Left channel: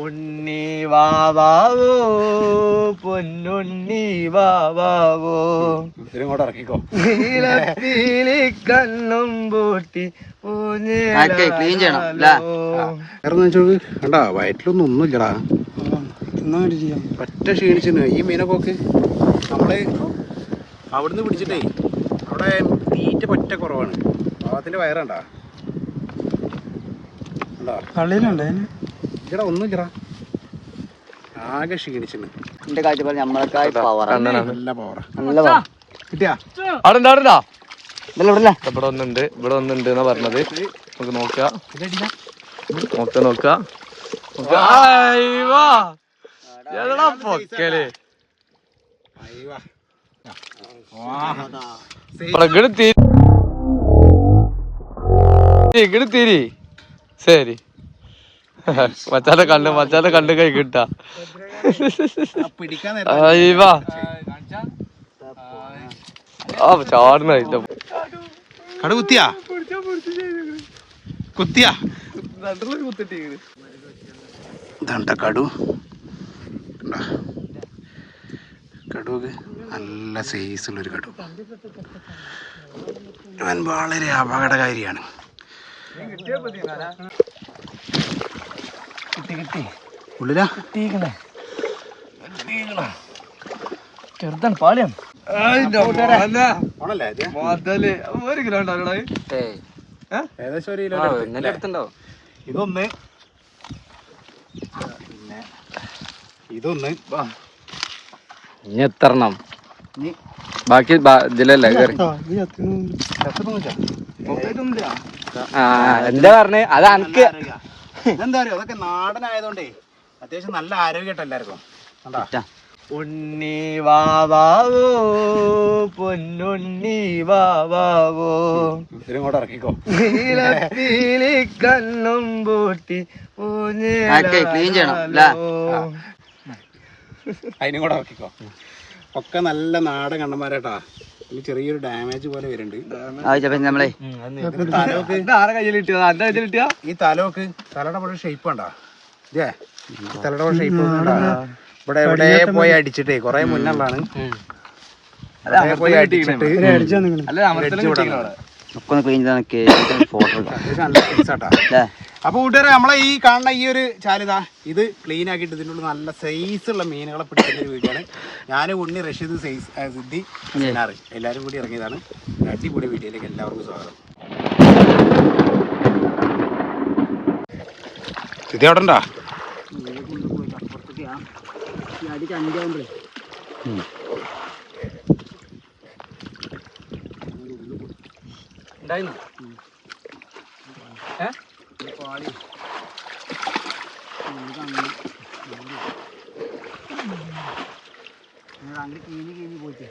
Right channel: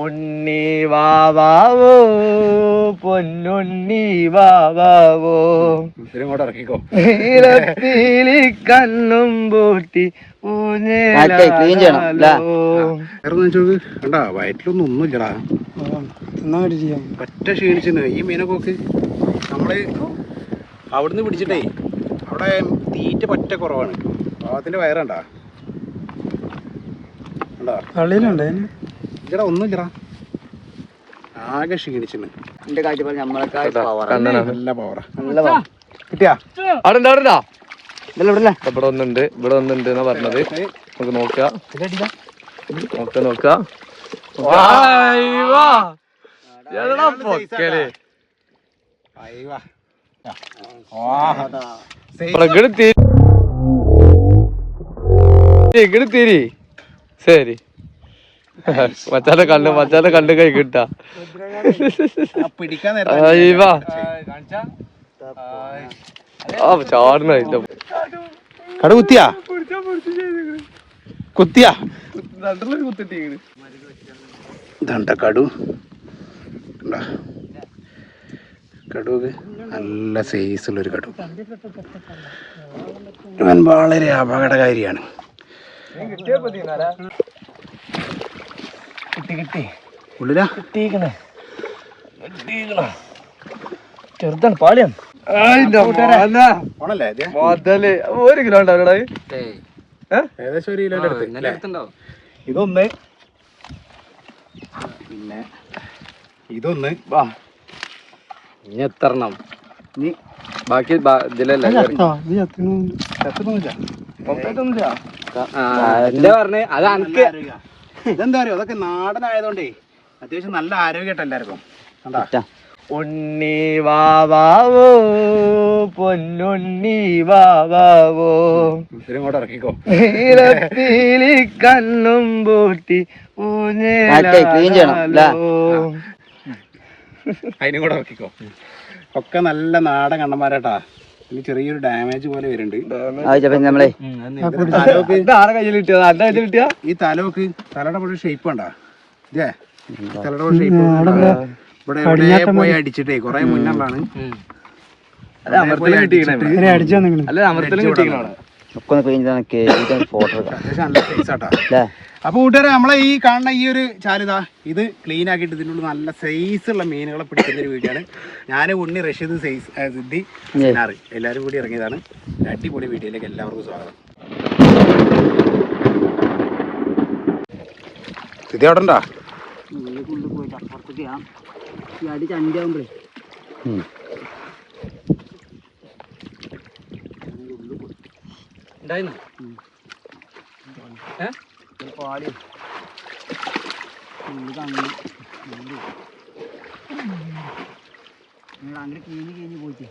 ഉണ്ണി വാവാവോ? പൊന്നുണ്ണി വാവാവോ? ഇതിങ്ങോട്ട് ഇറക്കിക്കോ. നീലപ്പീലി കണ്ണും പൂട്ടി കണ്ടാ വയറ്റിലൊന്നും ഒന്നുമില്ലടാ. പറ്റ ക്ഷീണിച്ചിന്. ഈ മീനൊക്കെ നോക്ക്. നമ്മൾ അവിടുന്ന് പിടിച്ചിട്ടേ അവിടെ തീറ്റ പറ്റ കുറവാണ്. പാവത്തിന്റെ വയറണ്ടാ? കണ്ടാ? ഇല്ലടാ ഒന്നുമില്ലടാ ആകെ ക്ഷീണിച്ചിന്. എന്റെ കാഴ്ചപ്പാട് നമ്മളൊക്കെ നല്ല പവറാ നല്ല പവർ കിട്ടിയാ? അവിടെ ഉണ്ട്, അവിടെ? ഇവിടെ ഒന്നുണ്ട് ഇവിടെ ഒന്നുണ്ട് എന്നാ പറഞ്ഞത്. നമുക്ക് നോക്കാം. നോക്കാം. പൊക്കൽ. ഇങ്ങട് തിരി. ശരി. മച്ചാന്റെ കണ്ണ് മച്ചാനെ കണ്ണ് കൈ കിട്ടാ. ചാടുന്ന കട കുത്തിയാ? കുത്തിയാ? ഇതണ്ട കടു. കണ്ടാ? കടുക് നല്ല സൈസുള്ളൊരു കടു. ഞാൻ വളരെ അപകടകാരിയാണ്. കിട്ടി കിട്ടി. ഉള്ളിലാ? കിട്ടിക്കണേ കിട്ടിക്കണ ചെറുതാണ് പാളിയാണ് ഒരു കിലോ. ഏകദേശം ഒരു അടുത്തുണ്ടാവും. ഇതൊന്ന്. പിന്നെ ഇതൊന്ന്. വാ. ഇനി എത്രണ്ണം നീ ബാക്കി ഇതിലല്ലേ പറഞ്ഞേ? അത് അനക്ക് ഇതെന്താ അറിയോ അതൊക്കെ നാടനായതുകൊണ്ടേ അത്യാവശ്യം നല്ല ആരോഗ്യമായിട്ട് എല്ലാവർക്കും. കണ്ടാ? ഉണ്ണി വാവാവോ പൊന്നുണ്ണി വാവാവോ. ഇതിങ്ങോട്ട് ഇറക്കിക്കോ. നീലപ്പീലി കണ്ണും പൂട്ടി? അതിനും കൂടെ ഇറക്കിക്കോ. ഒക്കെ നല്ല നാടൻ കണ്ണന്മാരാട്ടാ. ചെറിയൊരു ഡാമേജ് പോലെ വരുന്നുണ്ട്. നമ്മളെ. ആരെ കയ്യിൽ കിട്ടിയത്? എന്റെ കയ്യിൽ കിട്ടിയ ഈ തലോക്ക് തലയുടെ പോലെ ഷേപ്പ് കണ്ടാ? ഇതേ തലയുടെ പോലെ ഷേപ്പ് ഇവിടെ എവിടെ പോയി അടിച്ചിട്ടേ കുറെ മുന്നമാണ് അല്ല അമർത്തലും കിട്ടിക്കണേ അല്ല അമർത്തലും ഒക്കെ ഒന്ന് ക്ലീൻ ചെയ്താൽ ഫോട്ടോ എടുക്കാം അത്യാവശ്യം നല്ല സൈസാട്ടാ അല്ലേ അപ്പൊ കൂട്ടുകാരെ നമ്മളെ ഈ കാണുന്ന ഈ ഒരു ചാലിതാ ഇത് ക്ലീൻ ആക്കിയിട്ട് ഇതിന്റെ ഉള്ളിൽ നല്ല സൈസ് ഉള്ള മീനുകളെ പിടിക്കുന്ന ഒരു വീഡിയോ ആണ് ഞാൻ ഉണ്ണി റഷീദ് സൈസ് സിദ്ധി സിനാറ് എല്ലാവരും കൂടി ഇറങ്ങിയതാണ്. അടിപൊളി വീഡിയോയിലേക്ക് എല്ലാവർക്കും സ്വാഗതം. സിദ്ധി അവിടെ ഉണ്ടോ പോയിട്ട് അപ്പുറത്തേക്ക് ഈ അടി ചണ്ടിയാവുമ്പോഴേ ഉണ്ടായിരുന്നോ? പാളി അങ്ങനെ. അങ്ങനെ കീഞ്ഞ് കീഞ്ഞ് പോയിട്ട്.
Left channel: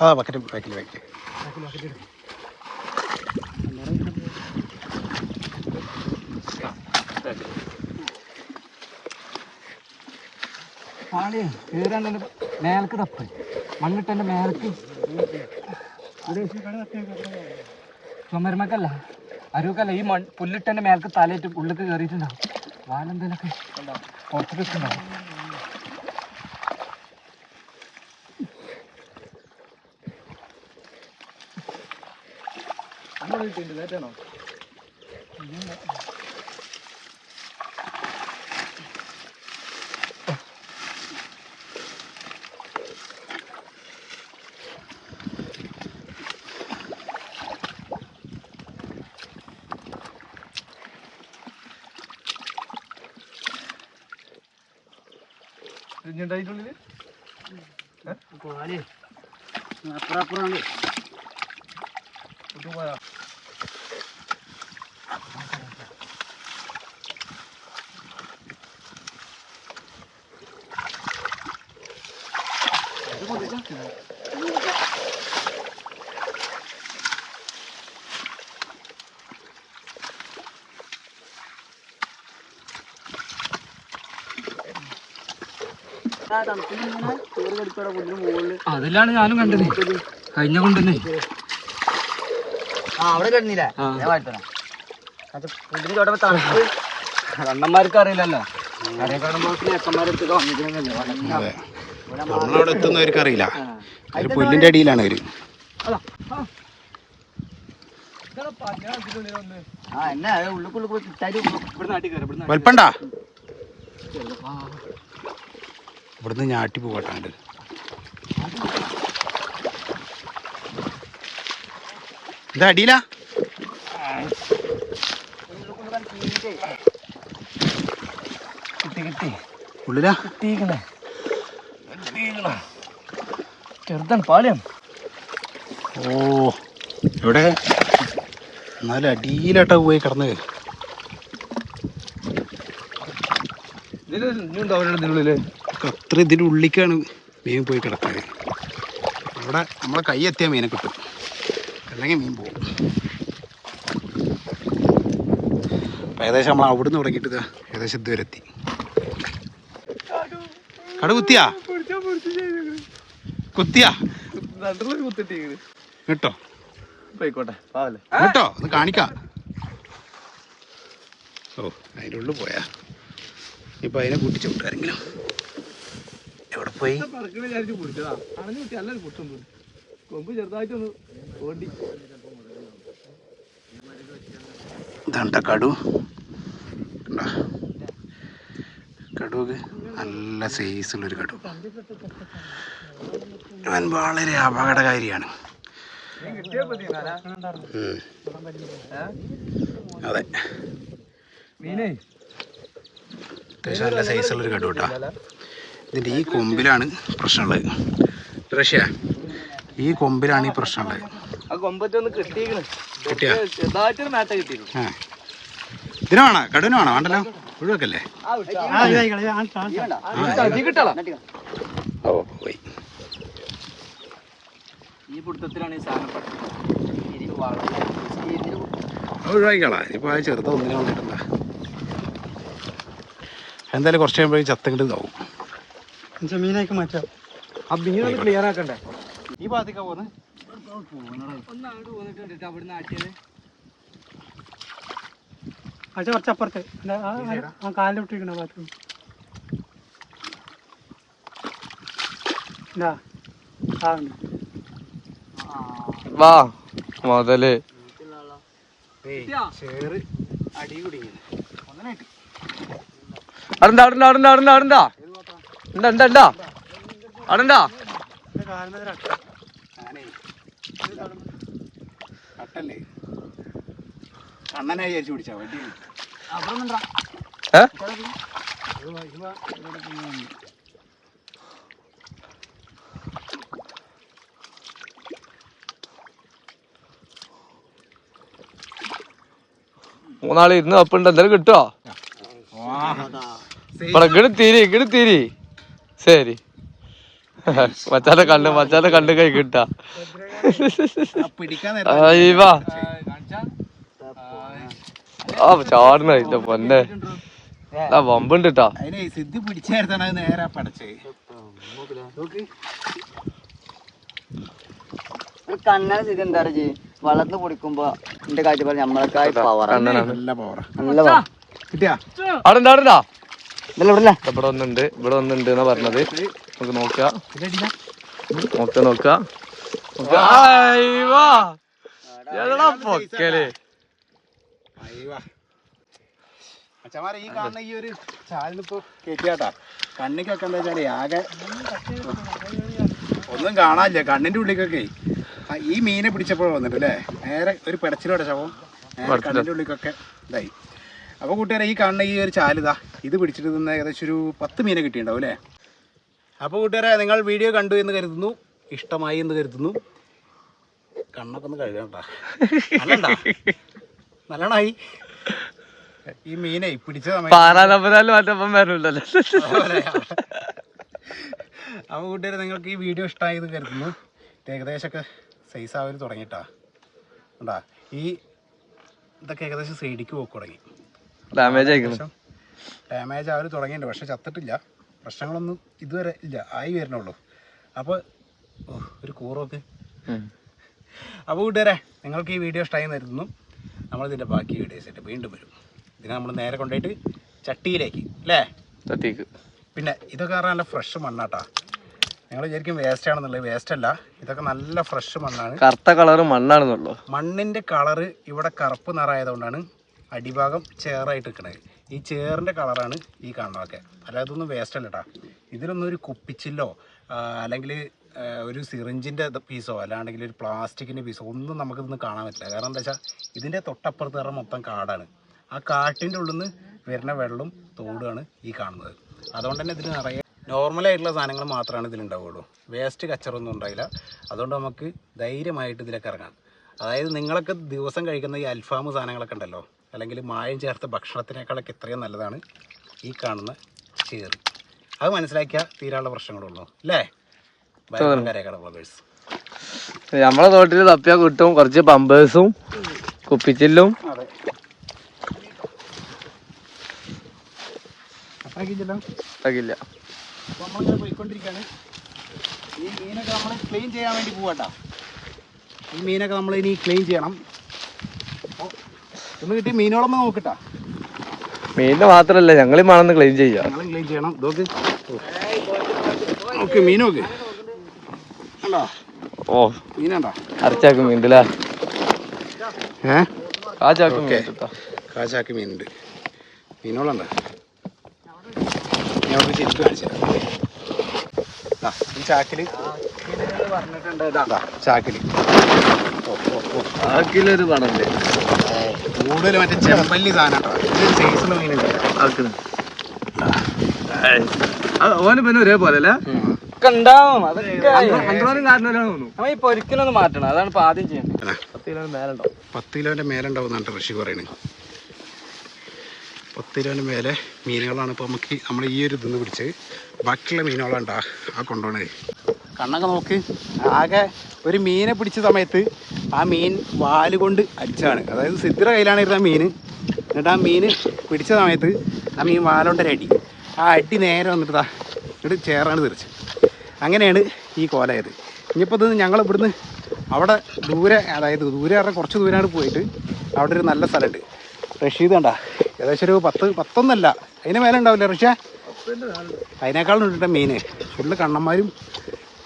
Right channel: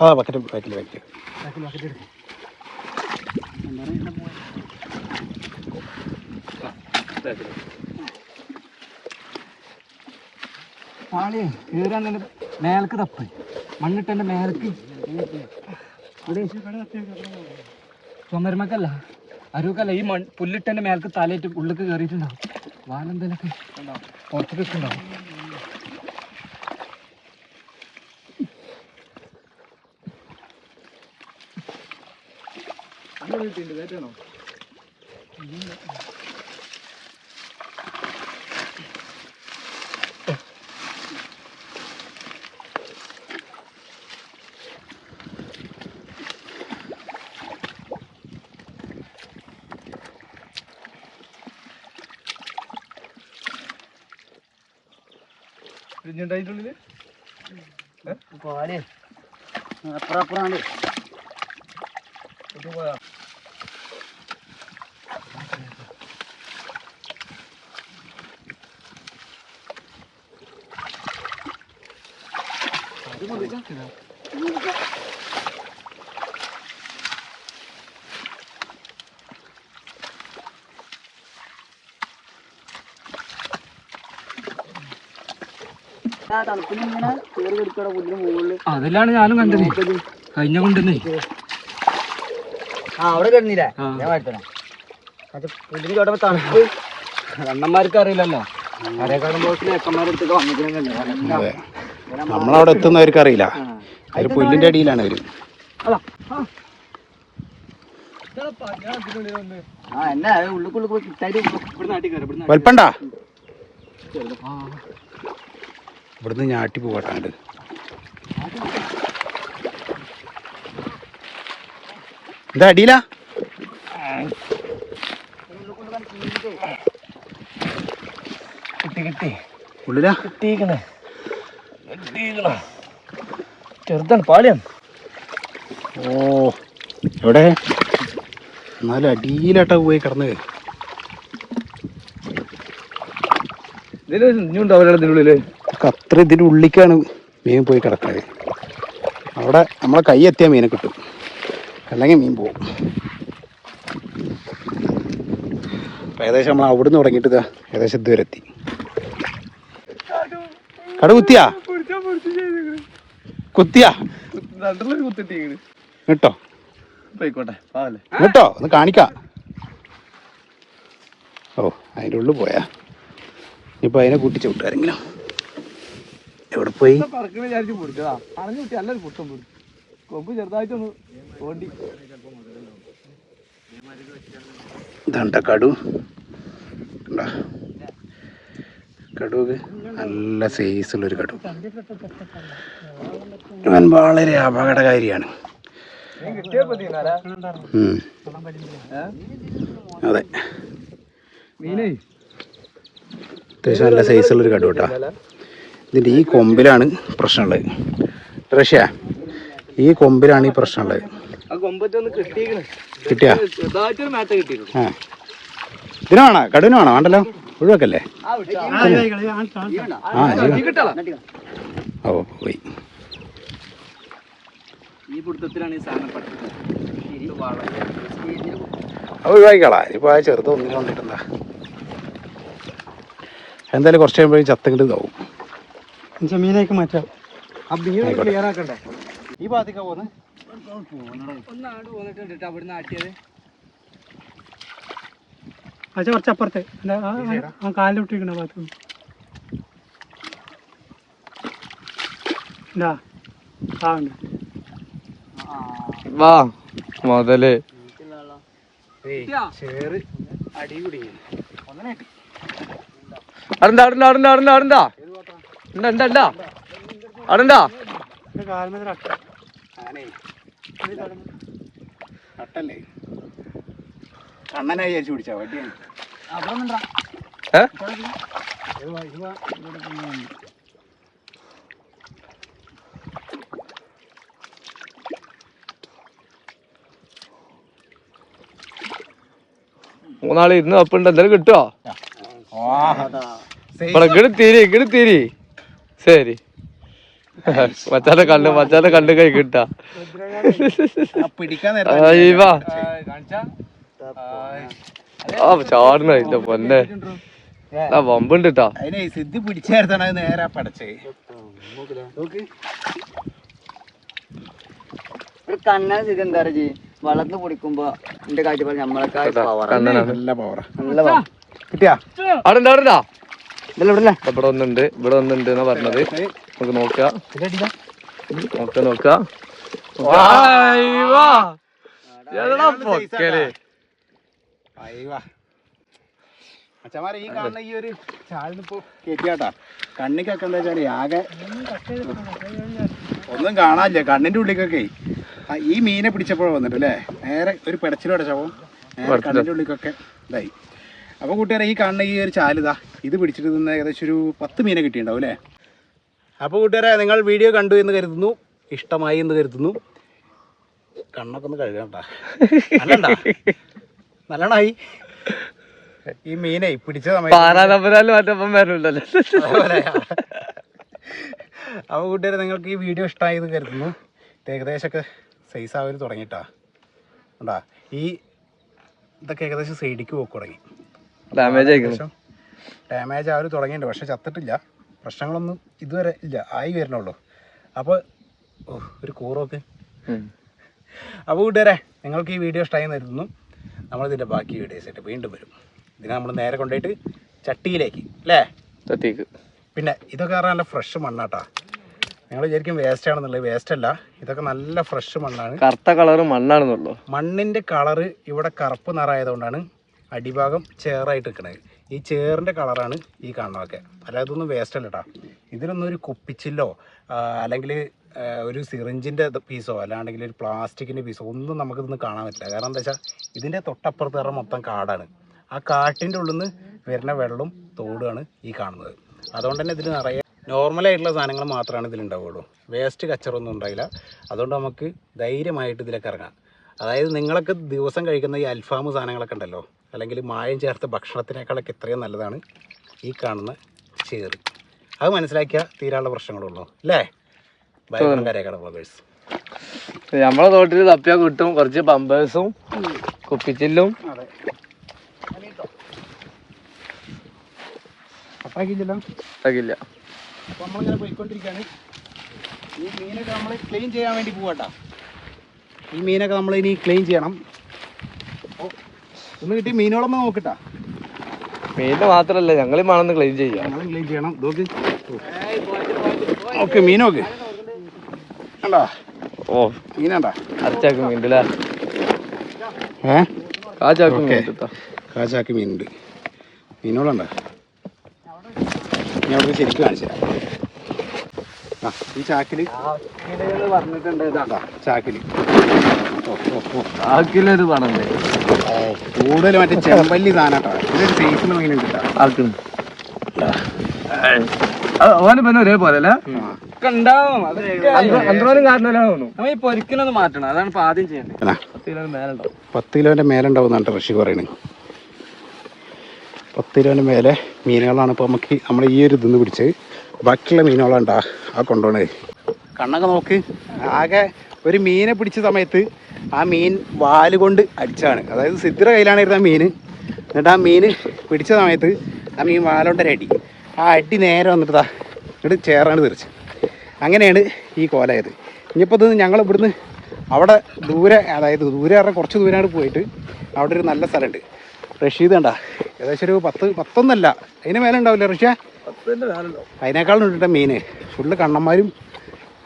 ആ ബക്കറ്റ് ബാക്കിൽ ബാക്കിൽ പാളി കീറാൻ മേലക്ക് തപ്പ്. മണ്ണിട്ടെന്റെ മേലക്ക് ചുമരുമക്കല്ല അരുക്കല്ല ഈ മൺ പുല്ലിട്ടെന്റെ മേലക്ക് തലയിട്ട് ഉള്ളിക്ക് കയറിയിട്ടുണ്ടാവും. വാലെന്തേലൊക്കെ പുറത്തേക്ക് വെക്കുന്നുണ്ടാവും ഇതിനുണ്ടായിട്ടുള്ളിൽ പാളി അപ്പുറം അപ്പുറമാണ് പോയാ. അതിലാണ് ഞാനും കണ്ടത്. കഴിഞ്ഞ കൊണ്ടുവന്ന് അവിടെ കിടന്നില്ലേ? ഞാൻ വാഴ്ത്തരാം അത് പുതിന് ചോട്ടപ്പോ തണുപ്പ്. കണ്ണന്മാർക്ക് അറിയില്ലല്ലോ. നമ്മളവിടെ എത്തുന്നവർക്ക് അറിയില്ല. ഒരു പുല്ലിന്റെ അടിയിലാണ് അവർ. ആ. ഇവിടുന്ന് ഞാട്ടി പോകട്ടാണ്ട് എന്താ അടിയില കിട്ടി കിട്ടി. ഉള്ളിലാ? കിട്ടിക്കണേ കിട്ടിക്കണ ചെറുതാണ് പാലം ഓ എവിടെ? എന്നാലും അടിയിലാട്ടാ പോയി കിടന്നത് ഇതിൽ ഇനി ഇതിനുള്ളിൽ അത്ര ഇതിന്റെ ഉള്ളിക്കാണ് മീൻ പോയി കിടക്കുന്നത്. അവിടെ നമ്മളെ കൈ എത്തിയാൽ മീനെ കിട്ടും. അല്ലെങ്കിൽ മീൻ പോകും ഏകദേശം നമ്മൾ അവിടെ നിന്ന് തുടങ്ങിയിട്ട് ഇതാ ഏകദേശം ഇതുവരെ എത്തി. കട കുത്തിയാ? കുത്തിയാ? കേട്ടോ കേട്ടോ ഒന്ന് കാണിക്കാം. ഓ അതിന്റെ ഉള്ളിൽ പോയാ. ഇനിയിപ്പോൾ അതിനെ കൂട്ടിച്ച് വിട്ടാരെങ്കിലും എവിടെ പോയി ഇതാണ്ട കടു? കടുവ് നല്ല സൈസുള്ളൊരു കടു. ഞാൻ വളരെ അപകടകാരിയാണ്. അതെ. അത്യാവശ്യം നല്ല സൈസുള്ളൊരു കടു കേട്ടോ. ഇതിന്റെ ഈ കൊമ്പിലാണ് പ്രശ്നമുള്ളത്. റഷ്യ ഈ കൊമ്പിലാണ് ഈ പ്രശ്നമുള്ളത്. കിട്ടിയാ? ഇതിന് വേണോ? കടുവിന് വേണോ? വേണ്ടല്ലോ? ഒഴിവാക്കല്ലേ? ആ ഓ പോയി. ഒഴിവാക്കിക്കളാ. ഇപ്പൊ ആ ചെറുത് ഒന്നിനെ കൊണ്ടിട്ടുണ്ട. എന്തായാലും കുറച്ച് കഴിയുമ്പോഴേക്കും ചത്തങ്ങട്ട് ഇതാവും. മീനേക്ക് മാറ്റാം. ക്ലിയർ ആക്കണ്ടേ? ഈ ഭാഗത്തേക്കാ പോകുന്നത് ഒന്ന് അവിടെ പോന്നിട്ടുണ്ട് അവിടുന്ന് ആട്ടിയത്. പക്ഷെ കുറച്ചപ്പുറത്ത്. കാലിൽ ഇട്ടിരിക്കണ ഭാഗത്ത്. വാ മുതൽ. ചേറ് അടി കുടിക്കുന്നു അടണ്ടാ അടണ്ടാ അടണ്ടാ അടണ്ടാ അടണ്ടാ ഉണ്ടാ ഉണ്ടാ ഉണ്ടാ അടണ്ടാ ആനേ കട്ടല്ലേ? കണ്ണനായി വിചാരിച്ചു പിടിച്ചാ വണ്ടിയാണ് ഏ? മൂന്നാൾ ഇരുന്ന് അപ്പുണ്ട് എന്തായാലും കിട്ടുവോ? ഇവിടെ കിടത്തിരി തീരി. ശരി. മച്ചാന്റെ കണ്ട് മച്ചാന്റെ കണ്ട് കൈ കിട്ടാ ആ ചാടുന്ന ഇല്ല പൊന്നെ. ആ വമ്പുണ്ട് ട്ടാ അതിനെ സിദ്ധി പിടിച്ചായിരുന്നാണ് നേരെ പടച്ചേ. ഒരു കണ്ണന സ്ഥിതി എന്താ പറയുക വളർന്ന് പൊടിക്കുമ്പോ എന്റെ കാഴ്ചപ്പാട് നമ്മളൊക്കെ പവർ കണ്ണനാണ്. നല്ല പവറാ നല്ല power. കിട്ടിയാ അവിടെ? ഇവിടെ ഒന്നുണ്ട് ഇവിടെ ഒന്നുണ്ട് എന്നാ പറഞ്ഞത്. നമുക്ക് നോക്കാം. നോക്ക നോക്ക. പൊക്കൽ. അച്ഛന്മാരെ ഈ കാണുന്ന ഈ ഒരു ചാലിനിപ്പോ കേട്ടാ കണ്ണിക്കൊക്കെ എന്താ വെച്ചാൽ ആകെ ഒന്നും കാണാനില്ല. കണ്ണിന്റെ ഉള്ളിക്കൊക്കെ. ഈ മീനെ പിടിച്ചപ്പോഴാ വന്നിട്ട് അല്ലേ? നേരെ ഒരു പെടച്ചിലോടെ ശവം. കണ്ണിന്റെ ഉള്ളിക്കൊക്കെ ഇതായി. അപ്പൊ കൂട്ടുകാരെ ഈ കാണുന്ന ഈ ഒരു ചാലിതാ ഇത് പിടിച്ചിട്ട് നിന്ന് ഏകദേശം ഒരു പത്ത് മീനെ കിട്ടിയിട്ടുണ്ടാവും അല്ലേ? അപ്പോൾ കൂട്ടുകാരെ നിങ്ങൾ വീഡിയോ കണ്ടു എന്ന് കരുതുന്നു ഇഷ്ടമായി എന്ന് കരുതുന്നു. കണ്ണൊക്കെ ഒന്ന് കഴുകണ്ട കേട്ടാ നല്ലോണായി? ഈ മീനെ പിടിച്ച അപ്പൊ അപ്പോൾ കൂട്ടുകാരെ നിങ്ങൾക്ക് ഈ വീഡിയോ ഇഷ്ടമായി എന്ന് കരുതുന്നു. ഏകദേശമൊക്കെ സൈസ് ആവര് തുടങ്ങിയിട്ടാ ഉണ്ടാ ഈ ഇതൊക്കെ ഏകദേശം സൈഡിക്ക് പോക്ക് തുടങ്ങി. ഡാമേജ് ആയിരിക്കുന്നു ഡാമേജ് ആവൽ തുടങ്ങിയിട്ടുണ്ട്. പക്ഷെ ചത്തിട്ടില്ല. പ്രശ്നങ്ങളൊന്നും ഇതുവരെ ഇല്ല. ആയി വരണുള്ളൂ അപ്പോൾ ഓ ഒരു കൂറൊക്കെ അപ്പോൾ കൂട്ടുകാരെ നിങ്ങൾക്ക് ഈ വീഡിയോ ഇഷ്ടമായി തരുന്നു നമ്മളിതിന്റെ ബാക്കി വീഡിയോസ് ആയിട്ട് വീണ്ടും വരും. ഇതിനെ നമ്മൾ നേരെ കൊണ്ടുപോയിട്ട് ചട്ടിയിലേക്ക് അല്ലേ? ചട്ടിക്ക്. പിന്നെ ഇതൊക്കെ പറഞ്ഞാൽ നല്ല ഫ്രഷ് മണ്ണാട്ടാ. നിങ്ങൾ വിചാരിക്കും വേസ്റ്റ് ആണെന്നുള്ളത്. വേസ്റ്റ് അല്ല. ഇതൊക്കെ നല്ല ഫ്രഷ് മണ്ണാണ്. കറുത്ത കളറ് മണ്ണാണെന്നുള്ളൂ. മണ്ണിന്റെ കളറ് ഇവിടെ കറുപ്പ് നിറമായതുകൊണ്ടാണ് അടിഭാഗം ചേറായിട്ട് നിൽക്കണത് ഈ ചേറിന്റെ കളറാണ് ഈ കാണുന്നതൊക്കെ. അല്ലാതെ ഇതൊന്നും വേസ്റ്റ് അല്ല കേട്ടോ ഇതിനൊന്നും ഒരു കുപ്പിച്ചില്ലോ അല്ലെങ്കിൽ ഒരു സിറിഞ്ചിന്റെ പീസോ അല്ലാണ്ടെങ്കിൽ ഒരു പ്ലാസ്റ്റിക്കിന്റെ പീസോ ഒന്നും നമുക്കിതൊന്നും കാണാൻ പറ്റില്ല. കാരണം എന്താ വെച്ചാൽ ഇതിന്റെ തൊട്ടപ്പുറത്ത് പറഞ്ഞാൽ മൊത്തം കാടാണ്. ആ കാട്ടിന്റെ ഉള്ളിൽ നിന്ന് വരുന്ന വെള്ളവും തോടുമാണ് ഈ കാണുന്നത്. അതുകൊണ്ട് തന്നെ ഇതിൽ നിറയെ നോർമലായിട്ടുള്ള സാധനങ്ങൾ മാത്രമാണ് ഇതിലുണ്ടാവുള്ളൂ. വേസ്റ്റ് കച്ചറൊന്നും ഉണ്ടായില്ല. അതുകൊണ്ട് നമുക്ക് ധൈര്യമായിട്ട് ഇതിലേക്ക് ഇറങ്ങാം. അതായത് നിങ്ങളൊക്കെ ദിവസം കഴിക്കുന്ന ഈ അൽഫാം സാധനങ്ങളൊക്കെ ഉണ്ടല്ലോ അല്ലെങ്കിൽ മായം ചേർത്ത ഭക്ഷണത്തിനേക്കാളൊക്കെ എത്രയും നല്ലതാണ് ഈ കാണുന്ന ചേറി. അത് മനസ്സിലാക്കിയാൽ തീരാനുള്ള പ്രശ്നങ്ങളുള്ളൂ അല്ലേ? ഭയങ്കര ബ്ലോഗേഴ്സ് നമ്മളെ തോട്ടിൽ തപ്പിയാൽ കിട്ടും കുറച്ച് പമ്പേഴ്സും കുപ്പിച്ചില്ലും. തകില്ല അപ്പോൾ നമ്മളിങ്ങനെ പോയിക്കൊണ്ടിരിക്കുകയാണ് ഈ മീനൊക്കെ നമ്മൾ ക്ലീൻ ചെയ്യാൻ വേണ്ടി പോവാട്ടോ. ഈ മീനൊക്കെ നമ്മൾ ഇനി ക്ലീൻ ചെയ്യണം. ഇന്ന് കിട്ടിയ മീനുകളൊന്നും നോക്കട്ടാ. മീനിന് മാത്രല്ല ഞങ്ങൾ മണന്ന് ക്ലീൻ ചെയ്യാം. ഞങ്ങളും ക്ലീൻ ചെയ്യണം. ഓക്കെ മീൻ നോക്ക്. കണ്ടോ? ഓ. മീനാണ്ടാ അരച്ചാക്ക് മീനുണ്ടല്ലേ ഏ? ആ ചാക്ക് ഓക്കേ. മീൻ കേട്ടോ കാച്ചാക്ക് മീനുണ്ട് മീനുകളുണ്ടാ. ഞാൻ ശരിക്കും കാണിച്ചു ഈ ചാക്കിൽ പറഞ്ഞിട്ടുണ്ട്. ഓ ആക്കിലൊരു വേണം? കൂടുതൽ മറ്റേ ചെമ്പല്ലി സാധനം ഇതൊരു സൈസുള്ള മീനുണ്ട് ആക്കുന്നു ഓന് പിന്നെ ഒരേപോലെ അല്ലേ? ഉണ്ടാവും അന്ത്രോനും കാരണമല്ലോ തോന്നുന്നു. നമ്മ ഈ പൊരിക്കലൊന്ന് മാറ്റണം. അതാണ് ഇപ്പൊ ആദ്യം ചെയ്യുന്നത് അല്ല. പത്ത് കിലോ മേലുണ്ടോ പത്ത് കിലോന്റെ മേലെ ഉണ്ടാവുന്നതാണ് ഋഷി പറയുന്നത് പത്ത് കിലോന് മേലെ മീനുകളാണ് ഇപ്പോൾ നമുക്ക് നമ്മൾ ഈ ഒരു ഇതെന്ന് പിടിച്ച് ബാക്കിയുള്ള മീനുകളുണ്ടാ ആ കൊണ്ടുപോണേ. കണ്ണൊക്കെ നോക്ക്. ആകെ ഒരു മീനെ പിടിച്ച സമയത്ത് ആ മീൻ വാൽ കൊണ്ട് അടിച്ചതാണ്. അതായത് സിദ്ധിയുടെ കയ്യിലാണ് ആ മീൻ. എന്നിട്ട് ആ മീൻ പിടിച്ച സമയത്ത് ആ മീൻ വാലോണ്ടൊരു അടി. ആ അടി നേരെ വന്നിട്ടതാ എന്നിട്ട് ചേറാണ് തിരിച്ച് അങ്ങനെയാണ് ഈ കോലായത്. ഇനിയിപ്പോൾ ഇത് ഞങ്ങൾ ഇവിടുന്ന് അവിടെ ദൂരെ അതായത് ദൂരെ പറഞ്ഞാൽ കുറച്ച് ദൂരമാണ് പോയിട്ട് അവിടെ ഒരു നല്ല സ്ഥലമുണ്ട്. റഷീദ് കണ്ടാ? ഏകദേശം ഒരു പത്ത് പത്തൊന്നല്ല. അതിന് മേലെ ഉണ്ടാവില്ല റഷ്യ അതിനേക്കാളും ഉണ്ട് മീന് ഫുള്ള് കണ്ണന്മാരും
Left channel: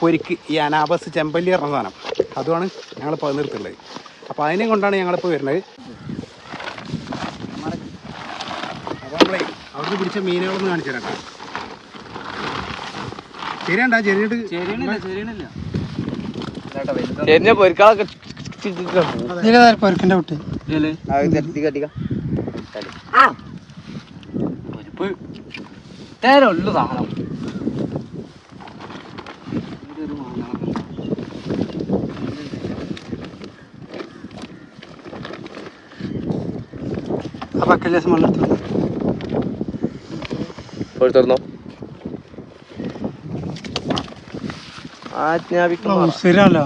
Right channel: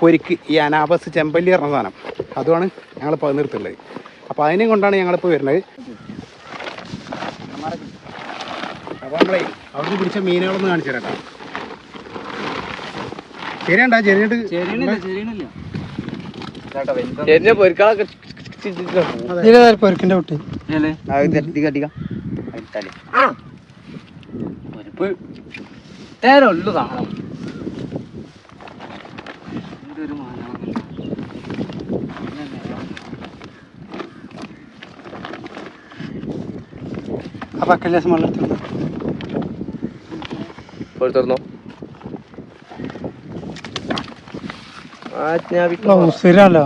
പൊരിക്ക്. ഈ അനാബസ് ചെമ്പല്ലി പറഞ്ഞ സാധനം. അതുമാണ് ഞങ്ങൾ നിർത്തുള്ളത് അപ്പോൾ അതിനെ കൊണ്ടാണ് ഞങ്ങളിപ്പോൾ വരുന്നത്. അപ്പോൾ നമ്മളെ അവിടുന്ന് പിടിച്ച മീനുകളൊന്ന് കാണിച്ചു തരാം. ശരിയാണ്ടാ? പൊരിക്കാളൊക്കെ പൊരുക്കിന്റെ കുട്ടി. താണോ വെള്ളത്തിൽ തുറന്നോ ആജ്ഞാപിക്കുന്നു ശരിയല്ലോ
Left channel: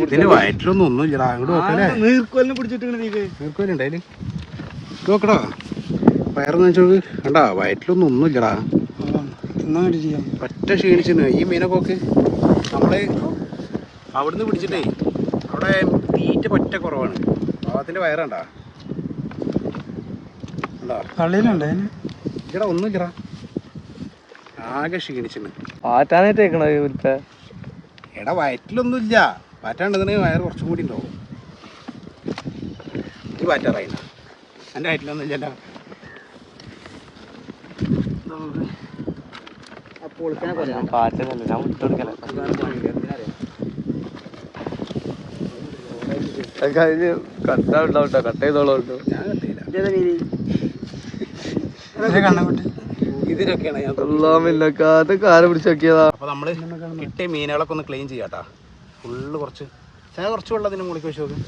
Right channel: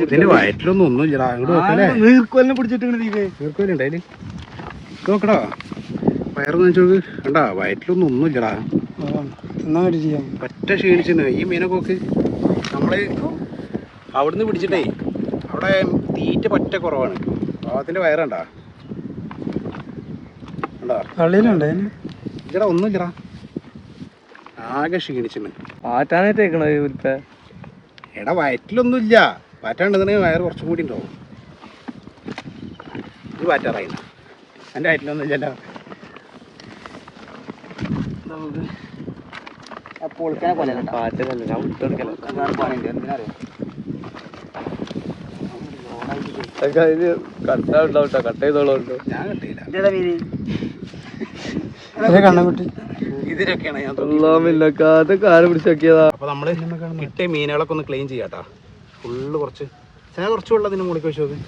ഇതിന്റെ വയറ്റിലൊന്നും ഒന്നുമില്ലടാ അങ്ങോട്ട് നോക്കാനേ നീർക്കൊല്ലം പിടിച്ചിട്ടുണ്ട് നീർക്കോലുണ്ട് അതിൽ ഇത് നോക്കടാ. പയറ് നനച്ചോക്ക് കണ്ടാ വയറ്റിലൊന്നും ഒന്നുമില്ലടാ. പറ്റ ക്ഷീണിച്ചിന്. ഈ മീനൊക്കെ നോക്ക്. നമ്മൾ അവിടുന്ന് പിടിച്ചിട്ടേ അവിടെ തീറ്റ പറ്റ കുറവാണ്. പാവത്തിന്റെ വയറണ്ടാ? ഇവിടെ ഒന്നും ഇല്ല ഇല്ലടാ ആകെ ക്ഷീണിച്ചിന്. എടാ വയറ്റിലൊന്നും ഇല്ല പാറ്റാണ്ടെങ്കിൽ വയറ് കുറച്ചും കൂടി ഉണ്ടാവും. ഇത് പാറ്റാറായില്ല എന്റെ ഹൈറ്റിലൊന്നും ഇല്ലല്ലോ ആ പൊളിക്കണ പോലെ കണ്ടോ? പാറ്റനല്ല ഞാൻ? അതിന് കട്ട് ചെയ്തോളൂ അപ്പൊ നമ്മൾ അപ്പോൾ കിട്ടിയ മീനുകളൊക്കെ ഒന്ന് ക്ലീൻ ചെയ്യാട്ടാ ഫുള്ള് കുറച്ച് ചില കുറച്ച് വെള്ളത്തിന് മുകളിൽ വെച്ച് നോക്ക്.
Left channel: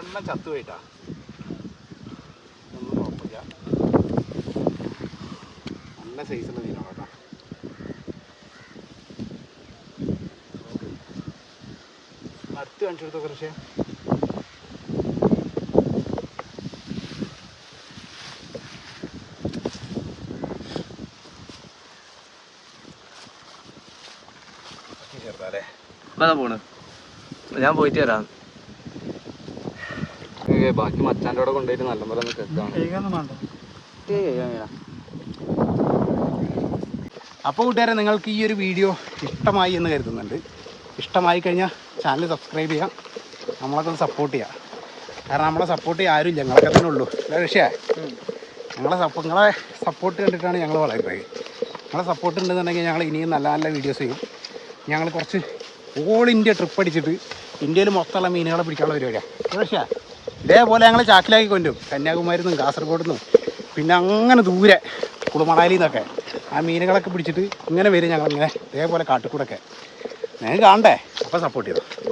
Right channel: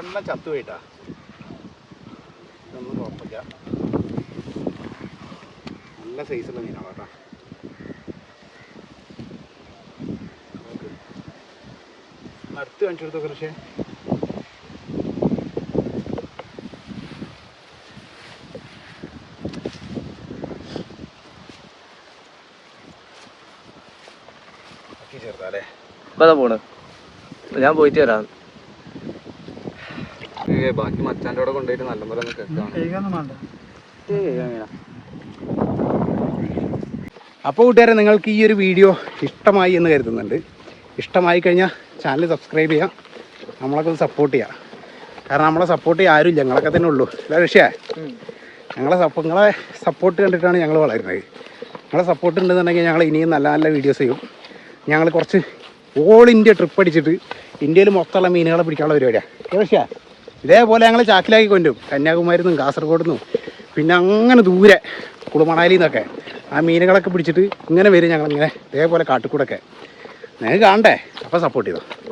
രണ്ടെണ്ണം ചത്തുപോയിട്ടാ. ഇതൊന്നും കുഴപ്പമില്ല. നല്ല സൈസുള്ള മീനാണ് കേട്ടോ. അടുത്ത് കാണിച്ചെടുത്തോ കുറച്ച് ചേർത്താലേ ഇപ്പൊ പോണ്. ഞാൻ പോയിട്ട് വരാം. ബാക്കി മച്ചാന്റെ അവിടെ കൊണ്ടുപോയിട്ട് നല്ല പോലെ അപ്പോൾ കൂട്ടുകാരെ നിങ്ങൾക്ക് ഈ ഒരു വീഡിയോ ഇഷ്ടമായി എന്ന് കരുതുന്നുണ്ട്. ഇഷ്ടമായി കഴിഞ്ഞാൽ ചാനൽ സബ്സ്ക്രൈബ് ചെയ്യാം. നമ്മളൊക്കെ ഒന്ന് സപ്പോർട്ട് ചെയ്യാം. കാരണം നമ്മളെ സപ്പോർട്ട് ചെയ്യാൻ ആരുമില്ല ഞങ്ങളൊക്കെ തന്നെ ഉള്ളൂ. അല്ല ഋഷിയേ ഞങ്ങളെ സപ്പോ നിങ്ങളെ സപ്പോർട്ട് കണ്ടിട്ടാണ് ഞങ്ങൾ വളരുന്നത്. നിങ്ങളെ സപ്പോർട്ട് ഉണ്ടെന്നുണ്ടെങ്കിൽ ഞങ്ങൾ ഇനിയും നല്ല നല്ല വീഡിയോസ് ചെയ്യും. ഞങ്ങൾ കുറച്ച് ഓൾ ഇന്ത്യ ട്രിപ്പ് അടിച്ചിട്ട് ഇന്ത്യയിൽ മൊത്തമുള്ള മീനുകളെ പിടിക്കാനുള്ള പരിപാടിയാണ് ഋഷിയ ഇതേപോലെ ഞങ്ങൾ ചാക്കിലാക്കി കൊണ്ടും. കന്യാകുമാരി നിന്നും കാസർഗോഡ് നിന്നും പിന്നെ അങ്ങനെ ദൂരെ കുളുമണാലിയിൽ നിന്നൊക്കെ ആ മീനുകളൊക്കെ പിടിച്ചിട്ട് ഇങ്ങനെ വരും ഞങ്ങളിങ്ങനെ. ഇതേപോലെ കാട്ടിക്കൂടൊക്കെ. നിങ്ങൾക്ക് കാണണ്ടേ? അപ്പോൾ സപ്പോർട്ട് ചെയ്തോ.